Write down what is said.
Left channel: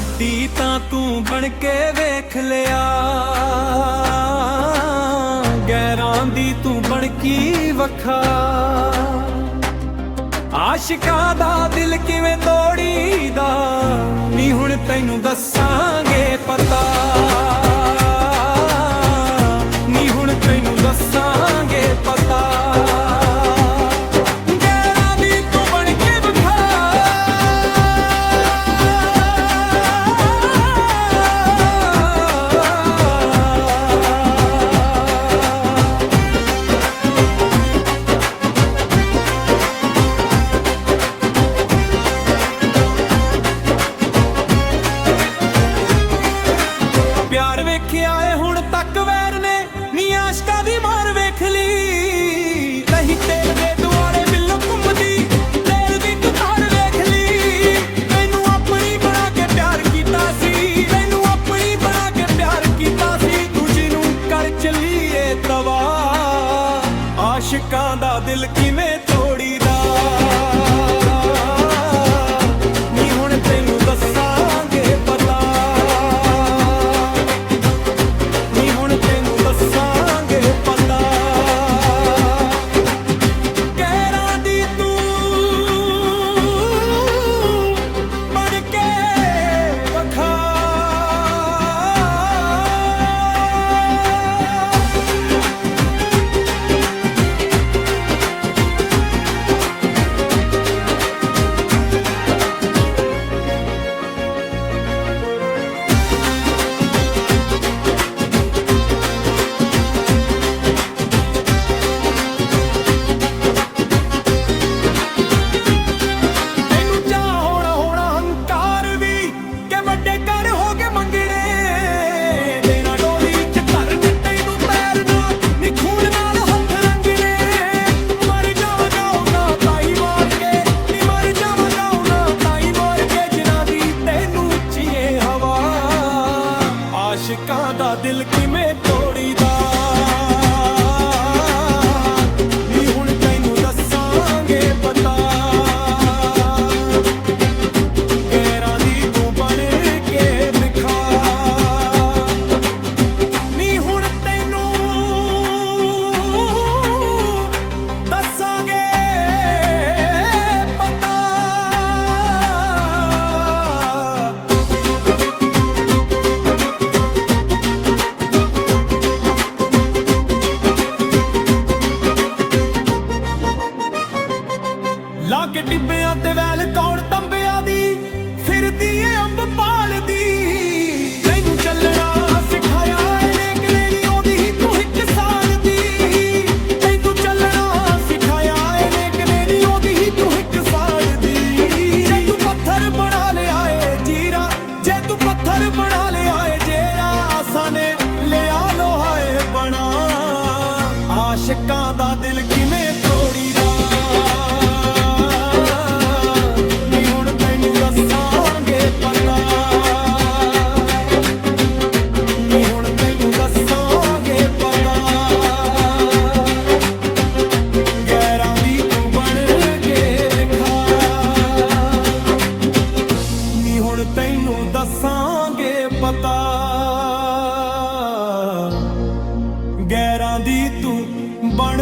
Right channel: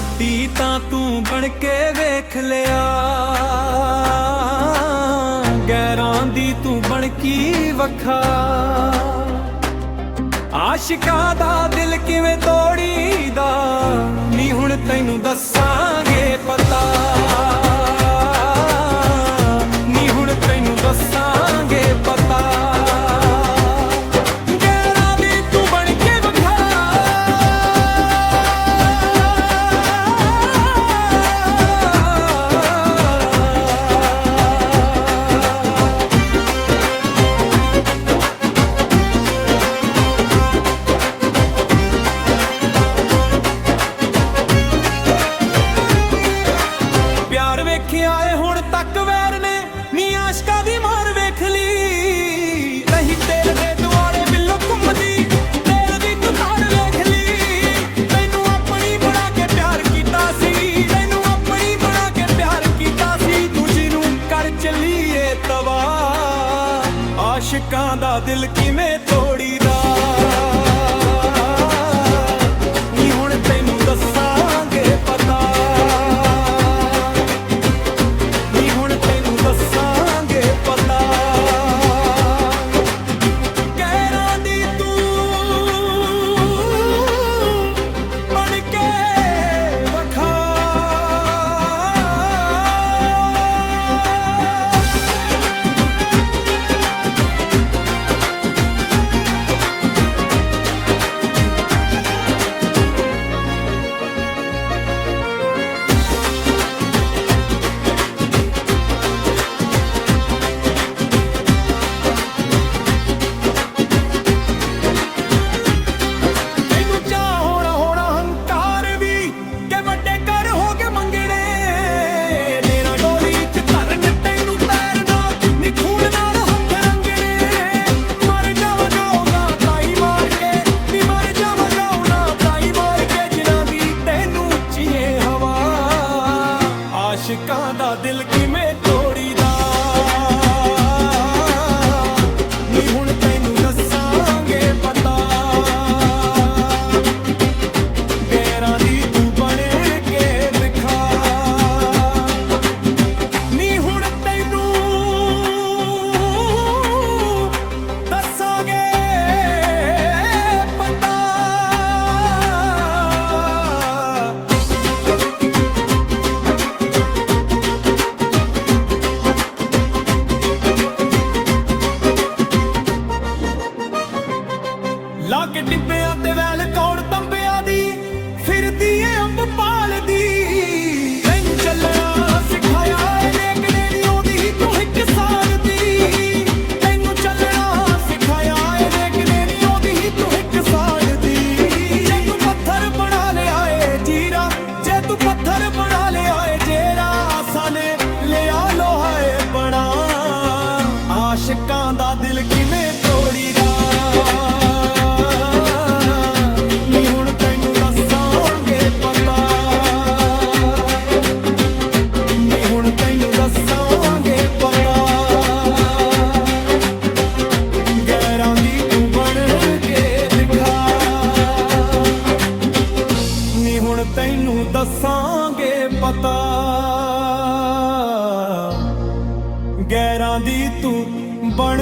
ਸਾਡੀ ਤਾਂ ਤੂੰ ਬਣ ਕੇ ਵੇਖ ਲਿਆ। ਗੈਰਾਂ ਦੀ ਤੂੰ ਬਣ ਕੀ ਵਖਾ। ਆਸ਼ਿਕਾਂ ਦਾ ਦਿਲ ਕਿਵੇਂ ਤੋੜੀਦਾ, ਨੀ ਹੁਣ ਤੈਨੂੰ ਦੱਸਾਂਗੇ ਪਤਾ। ਨੀ ਹੁਣ ਤੈਨੂੰ ਦੱਸਾਂਗੇ ਪਤਾ। ਪਿਆਰ ਵੇਖਿਆ ਏ, ਹੁਣ ਤੱਕ ਵੈਰ ਨੇ ਨੀ ਆਸ਼ਕਾਂ ਦੀ ਮਾਰ ਵੇਖ ਲਈ। ਨਹੀਂ ਤੇਲ ਦੇ ਦੁਆਲੇ ਬਿੱਲੋ ਘੁੰਮਦੀ, ਤੇਲ ਦੀ ਤੂੰ ਤਾਰ ਵੇਖ ਲਈ। ਤੈਨੂੰ ਆਪਣੀ ਬਣਾ ਕੇ ਪਿਆਰ ਕੀਤਾ ਸੀ, ਤੈਨੂੰ ਆਪਣੀ ਬਣਾ ਕੇ ਪਿਆਰ ਕੀਤਾ ਸੀ। ਦੂਜੀ ਨੂੰ ਕਰ ਚੱਲੀਏ ਤਵਾ। ਆਸ਼ਿਕਾਂ ਦਾ ਦਿਲ ਕਿਵੇਂ ਤੋੜੀਦਾ। ਨੀ ਹੁਣ ਤੈਨੂੰ ਦੱਸਾਂਗੇ ਆਸ਼ਿਕਾਂ ਦਾ ਦਿਲ ਕਿਵੇਂ ਤੋੜੀਦਾ? ਨੀ ਹੁਣ ਤੈਨੂੰ ਦੱਸਾਂਗੇ ਪਤਾ। ਲਾ ਕੇ ਟਿੱਬਿਆਂ ਤੇ ਵੈਲ ਕੌਣ ਤੰਬਿਆਂ ਦੀ, ਫਿਰਦੀ ਏ ਅੰਬ ਪਾਲਦੀ ਤੈਨੂੰ ਚੱਲਣਾ ਸਿਖਾਇਆ ਏ ਨੇਕ ਨੇ ਉਹਦੀ ਹੀ ਤੂੰ ਇੱਕ ਸਾਲ ਦੀ। ਤੈਨੂੰ ਚੱਲਣਾ ਸਿਖਾਇਆ ਏ ਨੇਕ ਨੇ ਉਹਦੀ ਹੀ ਤੂੰ ਇੱਕ ਸਾਲ ਦੀ। ਜੇ ਤੂੰ ਪੱਥਰ ਬਣਾ ਲਿਆ ਏ, ਜੀਰਾ, ਜੇ ਤੂੰ ਪੱਥਰ ਬਣਾ ਲਿਆ ਏ, ਜੇਰਾ ਆਸਾਂ ਨੇ ਲਿਆ ਲੋਹਾ ਏ, ਬਣਾ। ਆਸ਼ਿਕਾਂ ਦਾ ਦਿਲ ਕਿਵੇਂ ਤੋੜੀਦਾ? ਦੱਸਾਂਗੇ ਪਤਾ। ਨੀ ਹੁਣ ਤੈਨੂੰ ਦੱਸਾਂਗੇ ਪਤਾ। ਗੈਰਾਂ ਦੀ ਤੂੰ ਬਣ ਕੇ ਦਿਖਾ। ਨੀ ਹੁਣ ਤੈਨੂੰ ਦੱਸਾਂਗੇ ਪਤਾ। ਗੈਰਾਂ ਦੀ ਤੂੰ ਬਣ